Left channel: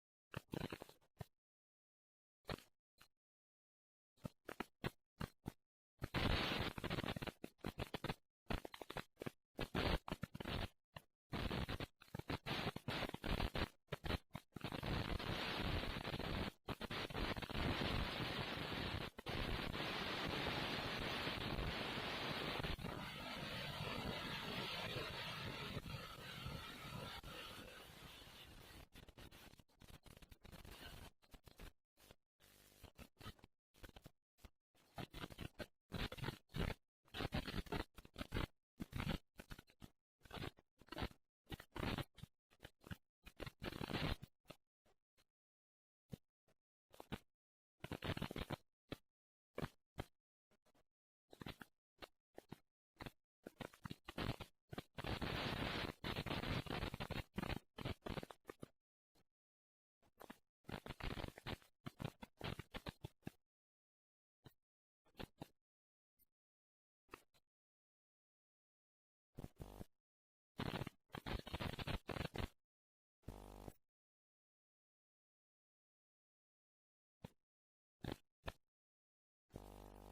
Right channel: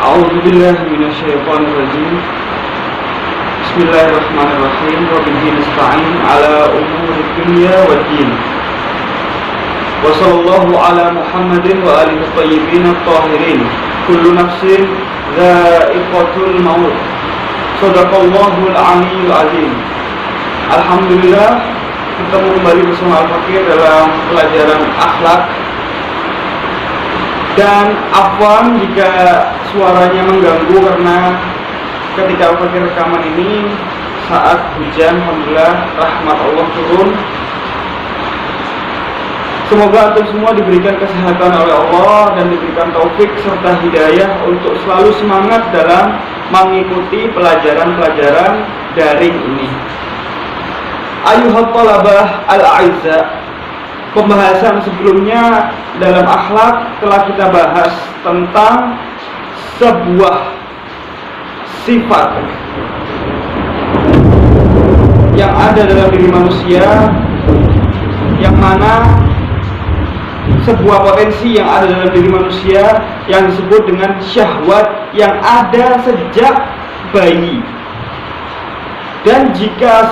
A'udzu billahi minasyaitonir rajim. Bismillahirrahmanirrahim. Wa bihi nasta'in ala umuri dunya waddin. Wa sallallahu ala Muhammadin wa alihi thayyibin at-tahirin. Kullu nafsin dha'iqatul maut. Shadaqallahul aliyyul azim. Alhamdulillah, ketemu kembali bersama Al-Fakir dalam pelajaran akhlak. Dan afwan jika suaranya mengganggu karena ketika Al-Fakir rekaman ini saat hujan, alhamdulillah rahmat Allah turun. Semoga antum semua diberikan kesehatan oleh Allah dan diberikan taufik serta hidayah untuk selalu semangat dalam mengikuti pelajaran-pelajaran daring ini. Ayuhat talabah al-a'izza, pembahasan sebelumnya dalam akhlak telah kita bahas tentang sebuah sifat yang ada dalam diri manusia, yang mana sebuah potensi yang ada dalam diri manusia yang disebut dengan syahwat yang ada sejak bayi. Dan jika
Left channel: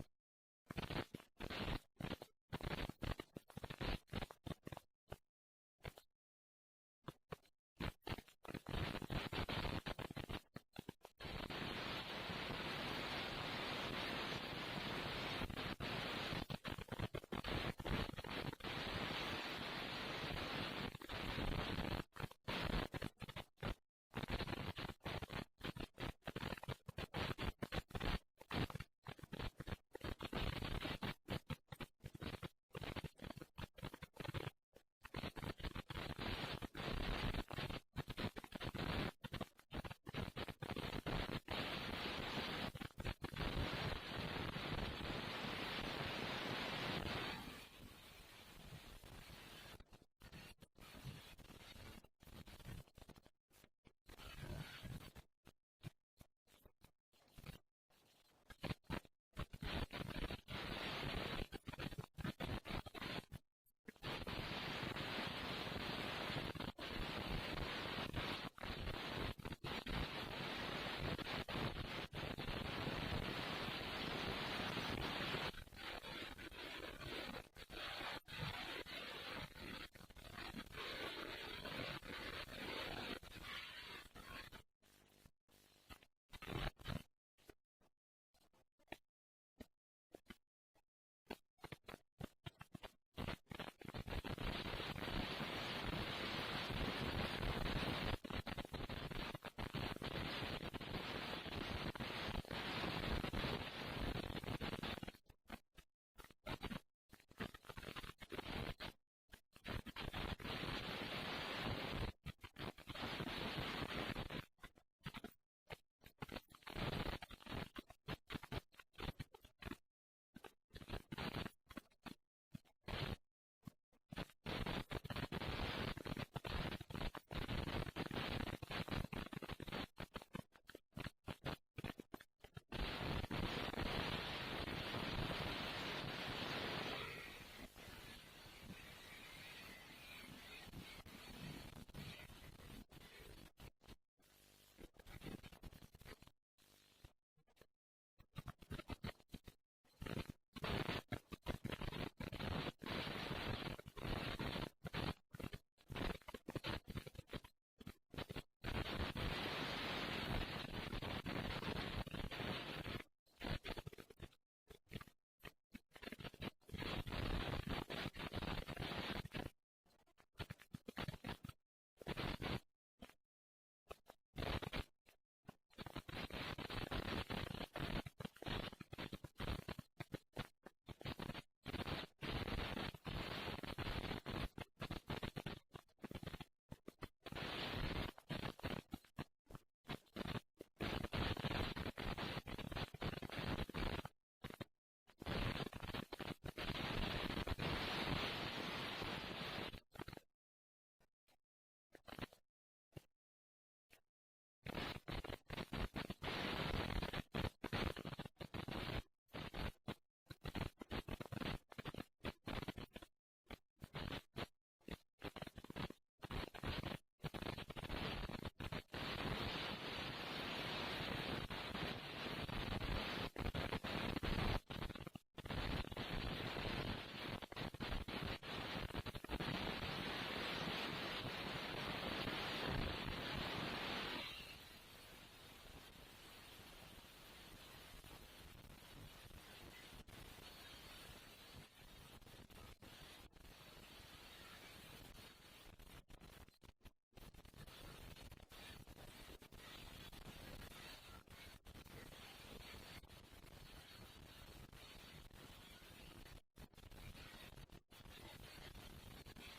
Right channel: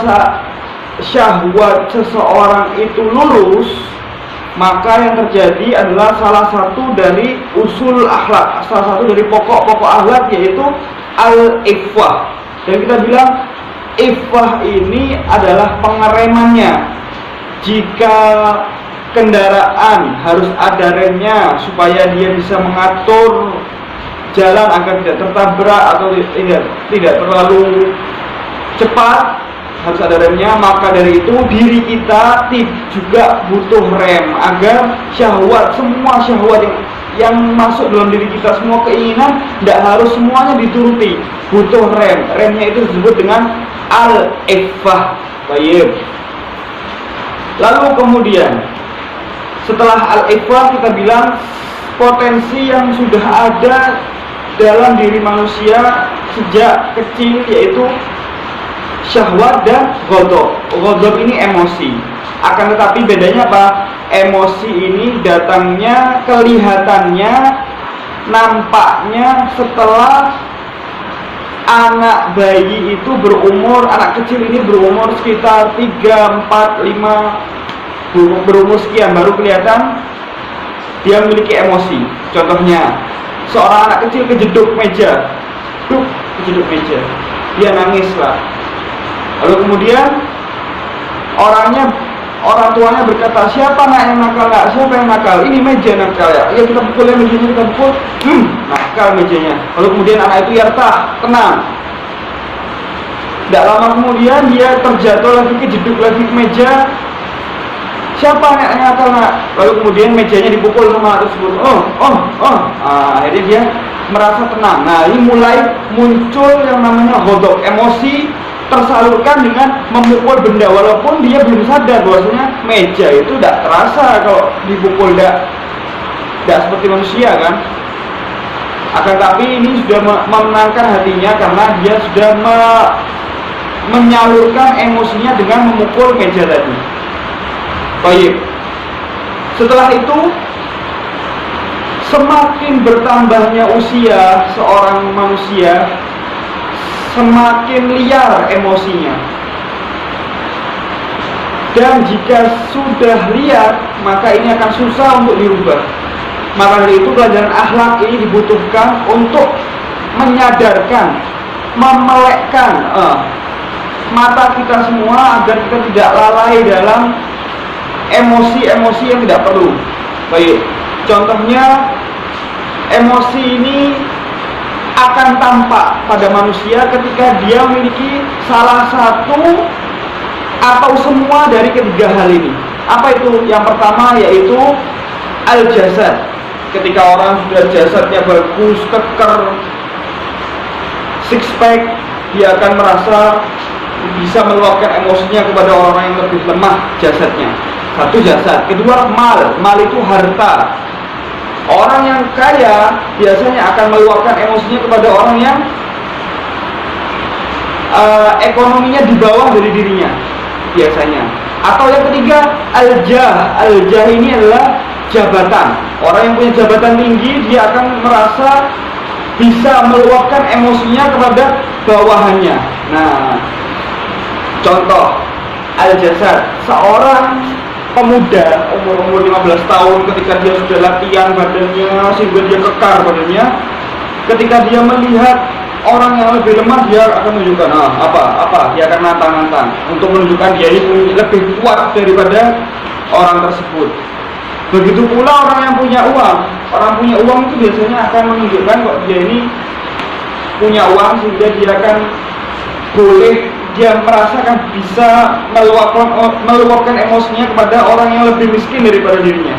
syahwat seseorang itu lurus, maka yang terjadi adalah salah satu dari usul akhlak, salah satu dari pokok-pokok akhlak, yaitu al-iffah. Dan kita bilang iffah ini adalah pengeremannya. Jika kendaraan harus ada remnya supaya dia bisa mengatur jalan agar tidak tertabrak atau tidak terlalu cepat, harus ada remnya. Maka dari itu diri kita juga butuh rem agar syahwat, semua syahwat yang masuk dalam diri kita, semua keinginan, tidak harus semuanya dituruti, butuh rem. Remnya itu disebut dengan al-iffah. Baik. Lalu kemudian setelah al-iffah kita bilang potensi yang sudah ada dalam diri manusia sejak kecil, yaitu syahwat dan ghadab. Ghadab ini emosi. Akan tetapi bedanya apa? Emosi ini datangnya, kelihatannya, nampaknya setelah anak bayi itu berumur, anak kecil ini berumur sekitar 3, 4, 5, berumur sekian baru kelihatan dia memiliki emosi. Contohnya, seorang anak kecil kejeduk meja, kejeduk meja, dia nangis lah. Lalu kemudian orang tuanya berkata, siapa nak yang nakal? Nak, siapa yang nakal? Ini meja nakal ya. Ya kita pukul mejanya, kita pukul. Nakal mejanya. Lalu kemudian anak itu yartah, tenang. Tidak lama kemudian dia terjatuh lagi, kejeduk lagi ke meja. Siapa yang nakal nak? Lalu kemudian mejanya dipukul sama anak tersebut. Akhirnya dia merasa tenang. Nah, ini mulai muncul yang namanya ghadab, emosi tersalurkan dengan memukul benda, walaupun dia belum sadar bahwasanya meja itu tidak terasa kalau dipukul, tidak seperti manusia kan. Akan tapi ini sudah memenangkan hatinya karena dia sudah menyalurkan emosinya dengan memukul meja tadi. Baik. Setelah itu, semakin bertambahnya usia seorang manusia, semakin liar emosinya. Dan jika sudah liar, maka ini akan susah untuk dirubah. Maka dari itu pelajaran akhlak ini dibutuhkan untuk menyadarkan, memelekkan mata kita semua agar kita tidak lalai dalam emosi-emosi yang tidak perlu. Baik, contohnya emosi ini akan tampak pada manusia ketika dia memiliki salah satu atau semua dari ketiga hal ini. Apa itu? Yang pertama yaitu al-jasad. Ketika orang sudah jasadnya bagus, keker, six pack, dia akan merasa bisa meluapkan emosinya kepada orang yang lebih lemah jasadnya. Satu, jasad. Kedua, mal itu harta. Orang yang kaya biasanya akan meluapkan emosinya kepada orang yang ekonominya di bawah dari dirinya biasanya. Atau yang ketiga, al-jah. Al-jah ini adalah jabatan. Orang yang punya jabatan tinggi, dia akan merasa bisa meluapkan emosinya kepada bawahannya. Nah, contoh al-jasad, seorang pemuda umur 15 tahun ketika dia sudah latihan badannya sehingga dia kekar badannya, ketika dia melihat orang yang lebih lemah, dia akan menunjukkan dia akan nantang-nantang untuk menunjukkan dia ini lebih kuat daripada orang tersebut. Begitu pula orang yang punya uang. Orang punya uang itu biasanya akan menunjukkan kok dia ini punya uang, sehingga dia akan dia merasakan bisa meluapkan emosinya kepada orang yang lebih miskin daripada dirinya.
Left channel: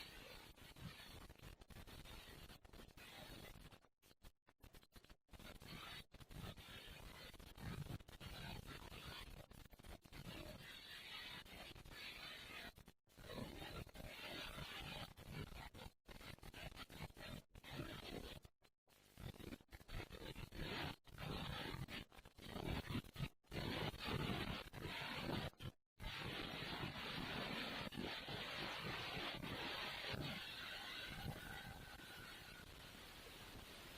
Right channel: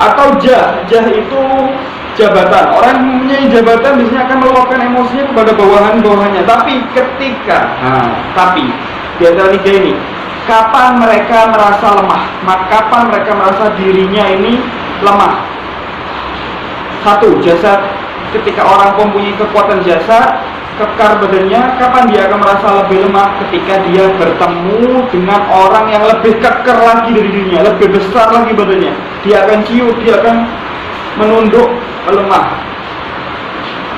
Atau jah itu jabatan. Orang yang mempunyai jabatan biasanya akan meluapkan emosinya kepada bawahan-bawahannya. Tapi di antara tiga ini, kapan mereka merasa lemah? Kapan mereka merasa dirinya ini lemah? Satu, jasad. Ketika orang mempunyai kekuatan jasad, kekar badannya, kapan dia akan merasa lebih lemah? Ketika dia bertemu dengan orang yang lebih kekar lagi dari dirinya, lebih besar lagi badannya. Dia akan ciut, dia akan menunduk, melemah.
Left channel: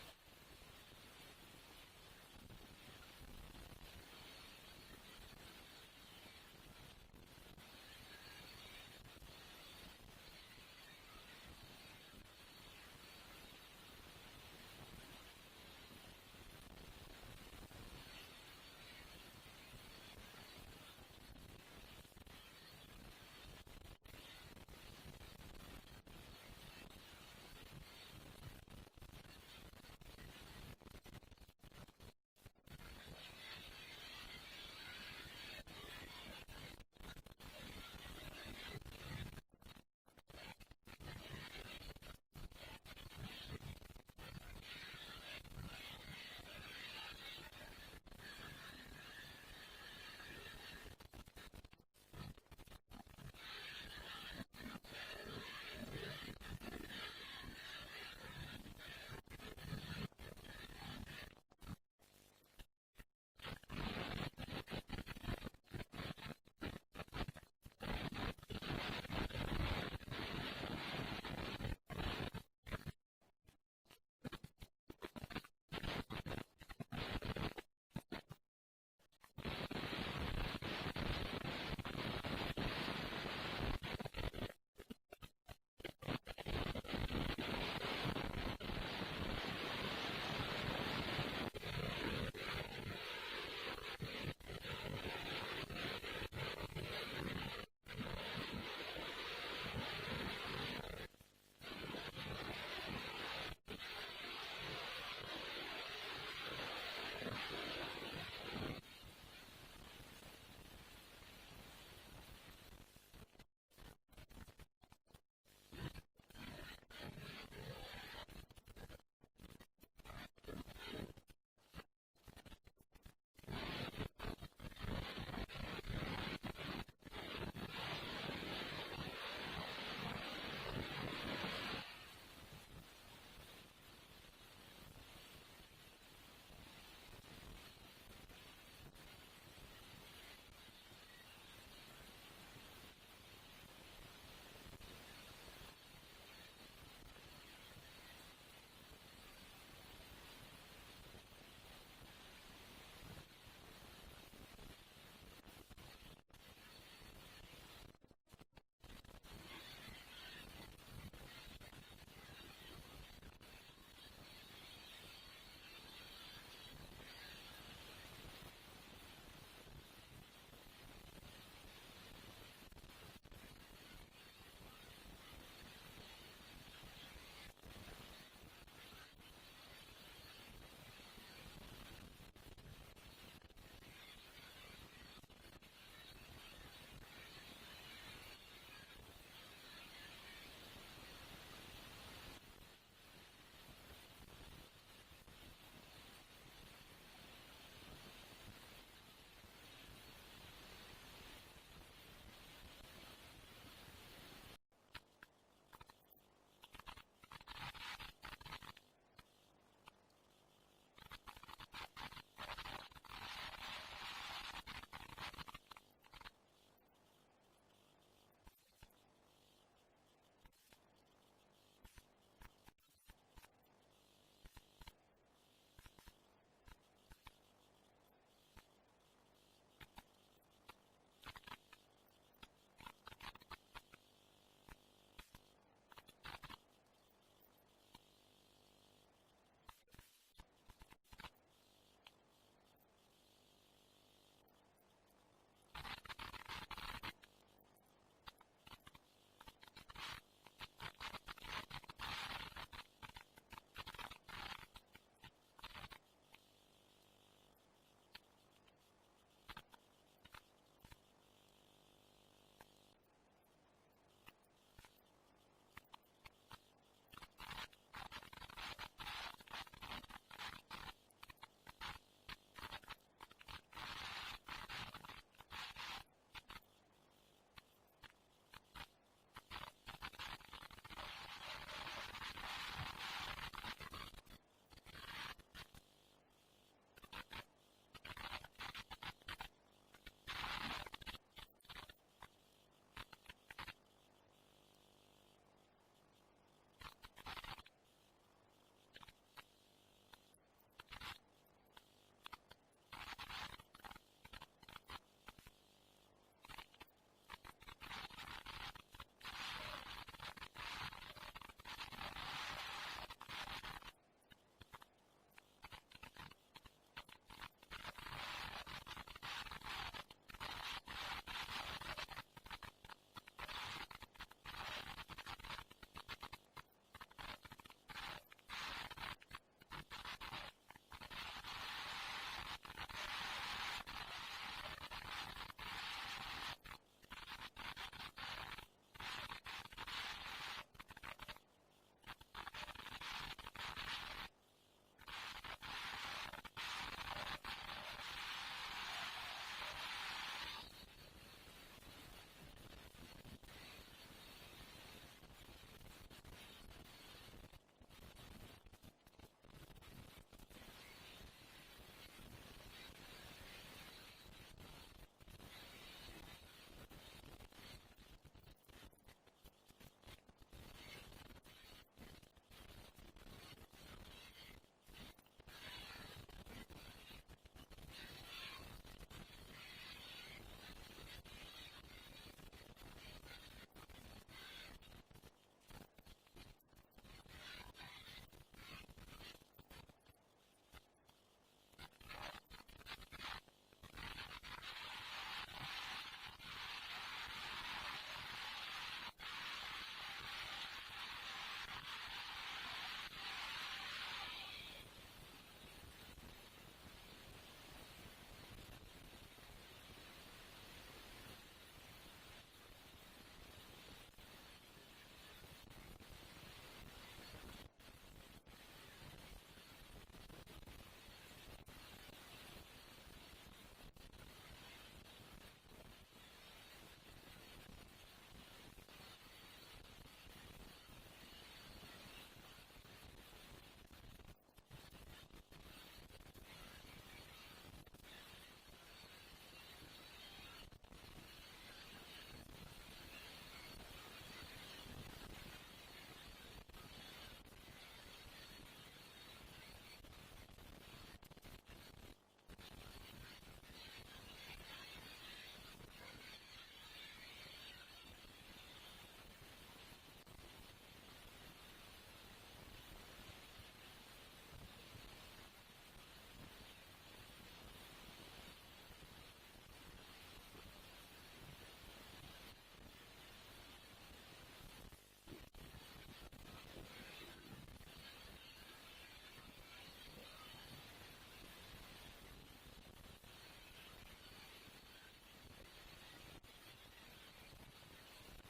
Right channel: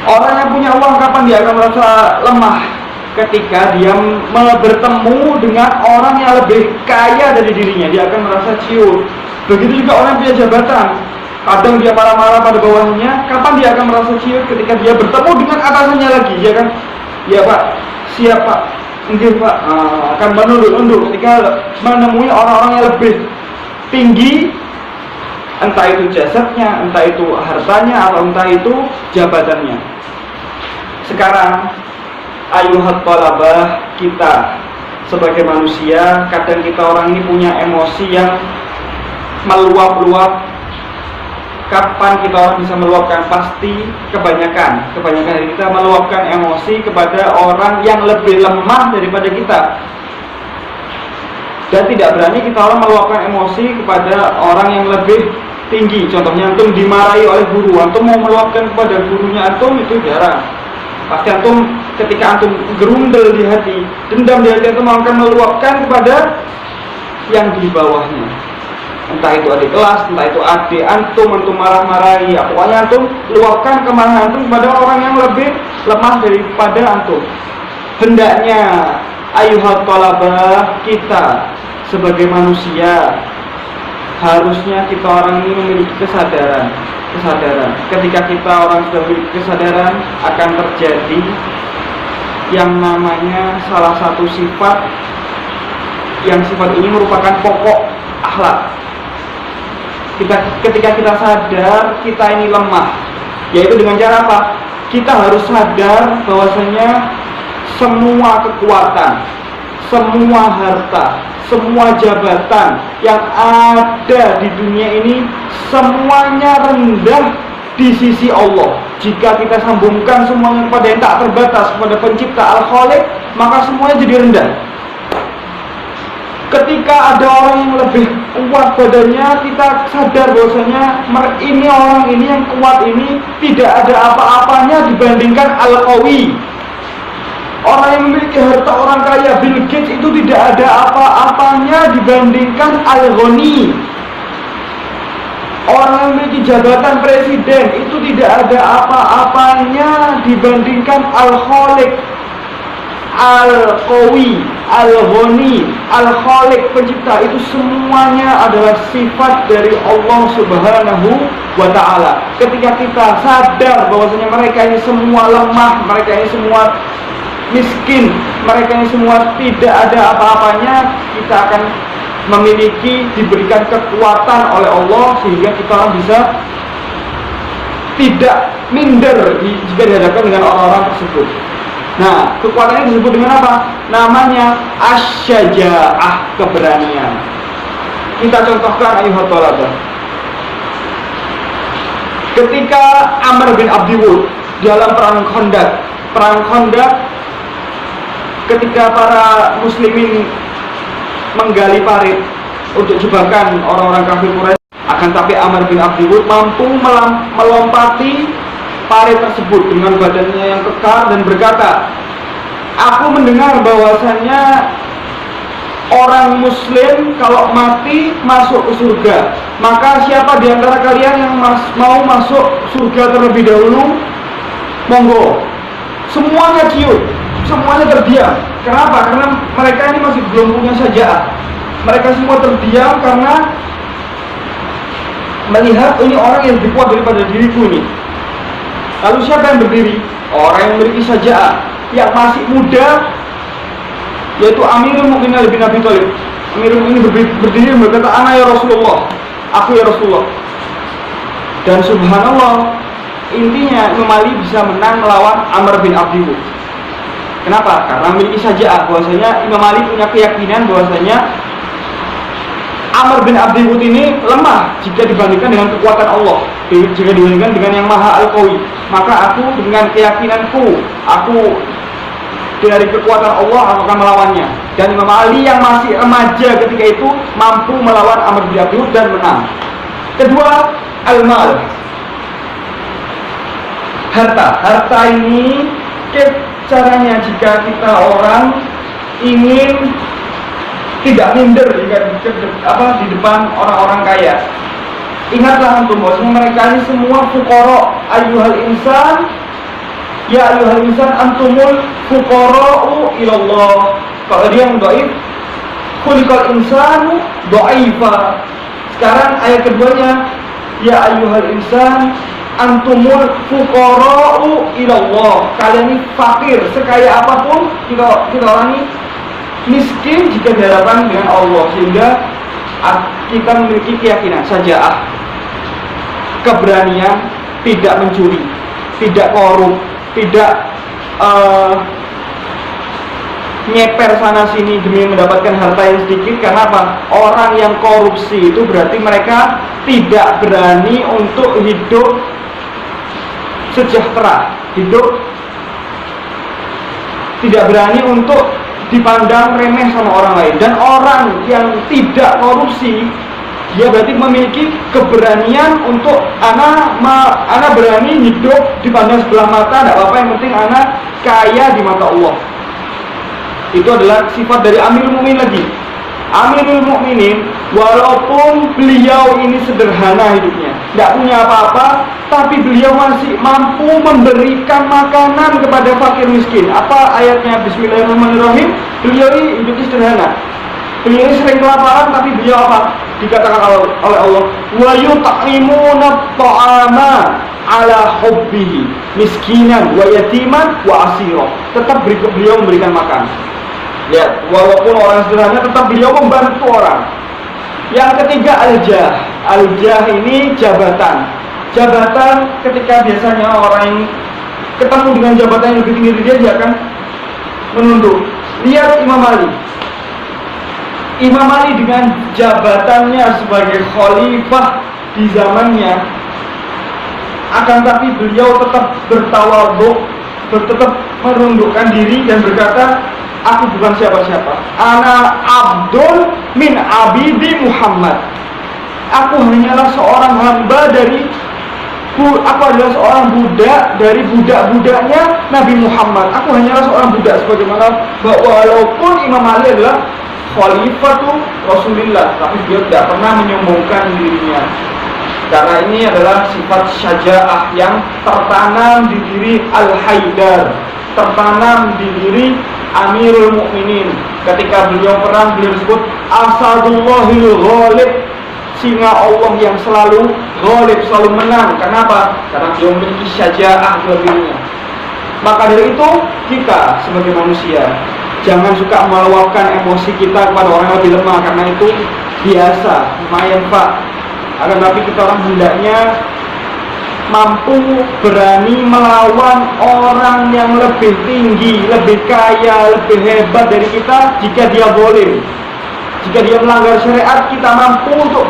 Orang yang punya uang, kapan dia akan merasa lemah? Ketika dia bertemu dengan orang yang lebih kaya dari dirinya, dia akan merasa ciut. Begitu juga orang yang punya jabatan, kadang dia marah-marah pada bawahnya, kapan dia akan merasa ciut? Ketika dia bertemu dengan atasannya lagi, dia akan, ya Pak, siap Pak, enggak Pak, akan menunduk-nunduk. Ketika menemui orang-orang yang lebih tinggi, entah itu jasadnya, entah itu hartanya, atau entah itu jabatannya. Sekarang ayuhat talabah, kita sebagai manusia, kadang kita orang ini punya emosi yang meluap-luap. Kapan kita orang bisa meluapkan? Pasti kebanyakan dari kita meluapkan emosi kepada orang yang lebih lemah daripada kita. Dan tidak berani kita orang meluapkan emosi kepada orang yang lebih tinggi. Contohnya antum dimarahi oleh guru, antum mau meluapkan kepada gurunya antum, itu jarang. Pasti antum ketika antum gerundel di hati, dendam di hati, antum akan meluapkan kepada yang di bawahnya. Entah itu adik kelas, entah itu adik antum marah-marahi, pokoknya antum luapkan kemarahan antum kepada orang yang lebih lemah daripada antum. Hendaknya ayuhat talabah, kita sebagai manusia, harusnya kita orang ini memiliki kesadaran. Ketika kita orang sudah memiliki kesadaran, akan terjadi yang namanya salah satu sifat, yang sifat ini merupakan pokok akhlak. Ketika kita sadar kita ini lemah, yaitu dengan cara apa? Kita harus sadar bahwasanya semua kekuatan, semua harta, semua jabatan yang ada di dunia ini, semuanya rendah di sisi Allah. Jika kita sambungkan semuanya kepada yang tak terbatas, kepada pencipta Al-Khaliq, maka semuanya jadi rendah. Ketika ada orang yang lebih kuat badannya, kita sadar bahwasanya ini orang ini yang kuat ini tidak ada apa-apanya dibandingkan Al-Qawi. Orang yang memiliki harta, orang kaya, Bill Gates, itu tidak ada apa-apanya dibandingkan Al-Ghani. Orang yang memiliki jabatan presiden itu tidak ada apa-apanya dibandingkan Al-Khaliq, Al-Qawi, Al-Ghani, Al-Khaliq, pencipta. Itu semuanya adalah sifat dari Allah Subhanahu wa ta'ala. Ketika kita sadar bahwasanya mereka ini semua lemah, mereka ini semua miskin, mereka ini semua tidak ada apa-apanya, kita akan diberikan kekuatan oleh Allah, sehingga kita orang bisa tidak minder jika dihadapkan dengan orang-orang tersebut. Nah, kekuatannya disebut dengan apa? Namanya asy-syaja'ah, keberanian. Kita contohkan ayuhat talabah. Ketika Amr bin Abdi Wud dalam perang Khandaq, ketika para muslimin menggali parit untuk jebakan orang-orang kafir Quraisy, akan tapi Amr bin Abdi Wud mampu melompati parit tersebut dengan badannya yang kekar dan berkata, aku mendengar bahwasannya orang muslim kalau mati masuk ke surga. Maka siapa di antara kalian yang mau masuk surga terlebih dahulu? Monggo. Semuanya ciut, semuanya terdiam. Kenapa? Karena mereka ini masih belum punya syaja'ah. Mereka semua terdiam karena melihat ini orang yang lebih kuat daripada diriku ini. Lalu siapa yang berdiri? Orang yang memiliki syaja'ah, yang masih muda, yaitu Amirul Mukminin Ali bin Abi Thalib. Amirul Mukminin berdiri berkata, "Ana ya Rasulullah," aku ya Rasulullah. Dan subhanallah, intinya Imam Ali bisa menang melawan Amr bin Abdi Wud. Kenapa? Karena memiliki syaja'ah. Bahwasanya Imam Ali punya keyakinan bahwasanya Amr bin Abdi Wud ini lemah jika dibandingkan dengan kekuatan Allah, jika dibandingkan dengan yang Maha Al-Qawi. Maka aku dengan keyakinanku, aku dari kekuatan Allah aku akan melawannya. Dan Imam Ali yang masih remaja ketika itu mampu melawan Amr bin Abdi Wud dan menang. Kedua, al-mal, harta ini caranya jika kita orang ingin tidak minder di depan orang-orang kaya. Ingatlah untuk bahwa mereka ini semua fuqara. Ayyuhal insan, ya ayyuhal insan antumul fuqara'u ilallah. Kalau dia yang dhaif, khuliqal insanu dhaifa. Sekarang ayat keduanya, ya ayyuhal insan antumul fuqara'u ilallah. Kalian ini fakir, sekaya apapun kita orang ini miskin jika dihadapkan dengan Allah. Sehingga kita memiliki keyakinan syaja'ah, keberanian, tidak mencuri, tidak korup, tidak nyeper sana sini demi mendapatkan harta yang sedikit. Karena apa? Orang yang korupsi itu berarti mereka tidak berani untuk hidup sejahtera, hidup tidak berani untuk dipandang remeh sama orang lain. Dan orang yang tidak korupsi, dia berarti memiliki keberanian untuk anak berani hidup dipandang sebelah mata, tidak apa-apa, yang penting anak kaya di mata Allah. Itu adalah sifat dari Amirul Mukminin lagi. Amirul Mukminin, walaupun beliau ini sederhana hidupnya, tidak punya apa-apa, tapi beliau masih mampu memberikan makanan kepada fakir miskin. Apa ayatnya? Bismillahirrahmanirrahim. Beliau ini hidupnya sederhana. Beliau ini sering kelaparan, tapi beliau apa? Dikatakan oleh Allah, wa yut'imuna ta'ama ala hubbihi miskinan wa yatiman wa asira. Tetap beliau memberikan makan. Lihat, walaupun orang sederhana, tetap beliau membantu orang. Yang ketiga, al-jah. Al-jah ini jabatan. Jabatan ketika biasanya orang yang ketemu dengan jabatan yang lebih tinggi dari dia akan menunduk. Lihat Imam Ali. Imam Ali dengan jabatannya sebagai khalifah di zamannya, akan tapi beliau tetap bertawadhu, tetap menundukkan diri dan berkata, aku bukan siapa-siapa. Ana abdun min abidi Muhammad. Aku hanyalah seorang hamba aku adalah seorang budak dari budak-budaknya Nabi Muhammad. Aku hanyalah seorang budak, sebagaimana walaupun Imam Ali adalah khalifatu Rasulullah, tapi dia tidak pernah menyombongkan dirinya. Karena ini adalah sifat syaja'ah yang tertanam di diri Al-Haidar, tertanam di diri Amirul Mukminin. Ketika beliau perang, beliau disebut Asadullahil Ghalib, singa Allah yang selalu ghalib, selalu menang. Kenapa? Karena beliau memiliki syaja'ah dalam dirinya. Maka dari itu, kita sebagai manusia jangan suka meluapkan emosi kita kepada orang yang lebih lemah, karena itu biasa, lumayan Pak. Akan tapi kita orang hendaknya mampu berani melawan orang yang lebih tinggi, lebih kaya, lebih hebat dari kita jika dia zalim. Jika dia melanggar syariat, kita mampu untuk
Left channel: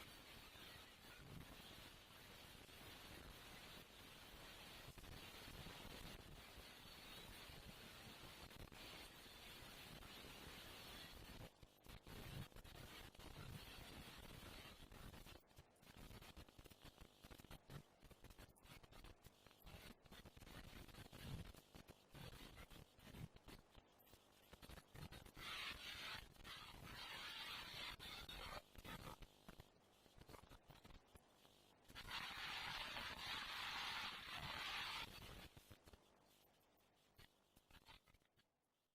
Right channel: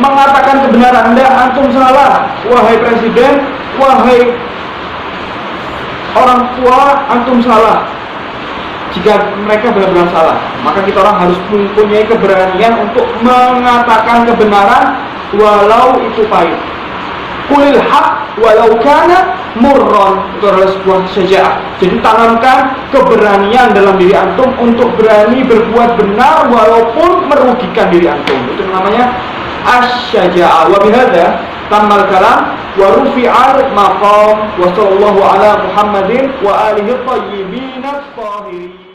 mengatakan kebenaran. Anda antum salah, wahai presiden, wahai orang tua, antum salah. Jika mereka benar-benar salah, maka kita orang harus mempunyai keberanian untuk mengatakan kebenaran walau itu pahit. Qulil haq walau kana murran. Itu adalah sebuah syaja'ah. Jadi tanamkan keberanian dalam diri antum untuk berani berbuat benar walaupun merugikan diri antum. Itu namanya asy-syaja'ah. Wa bihadza tammal kalam wa rufi'al maqam wa sallallahu ala Muhammadin wa alihi thayyibin at-tahirin.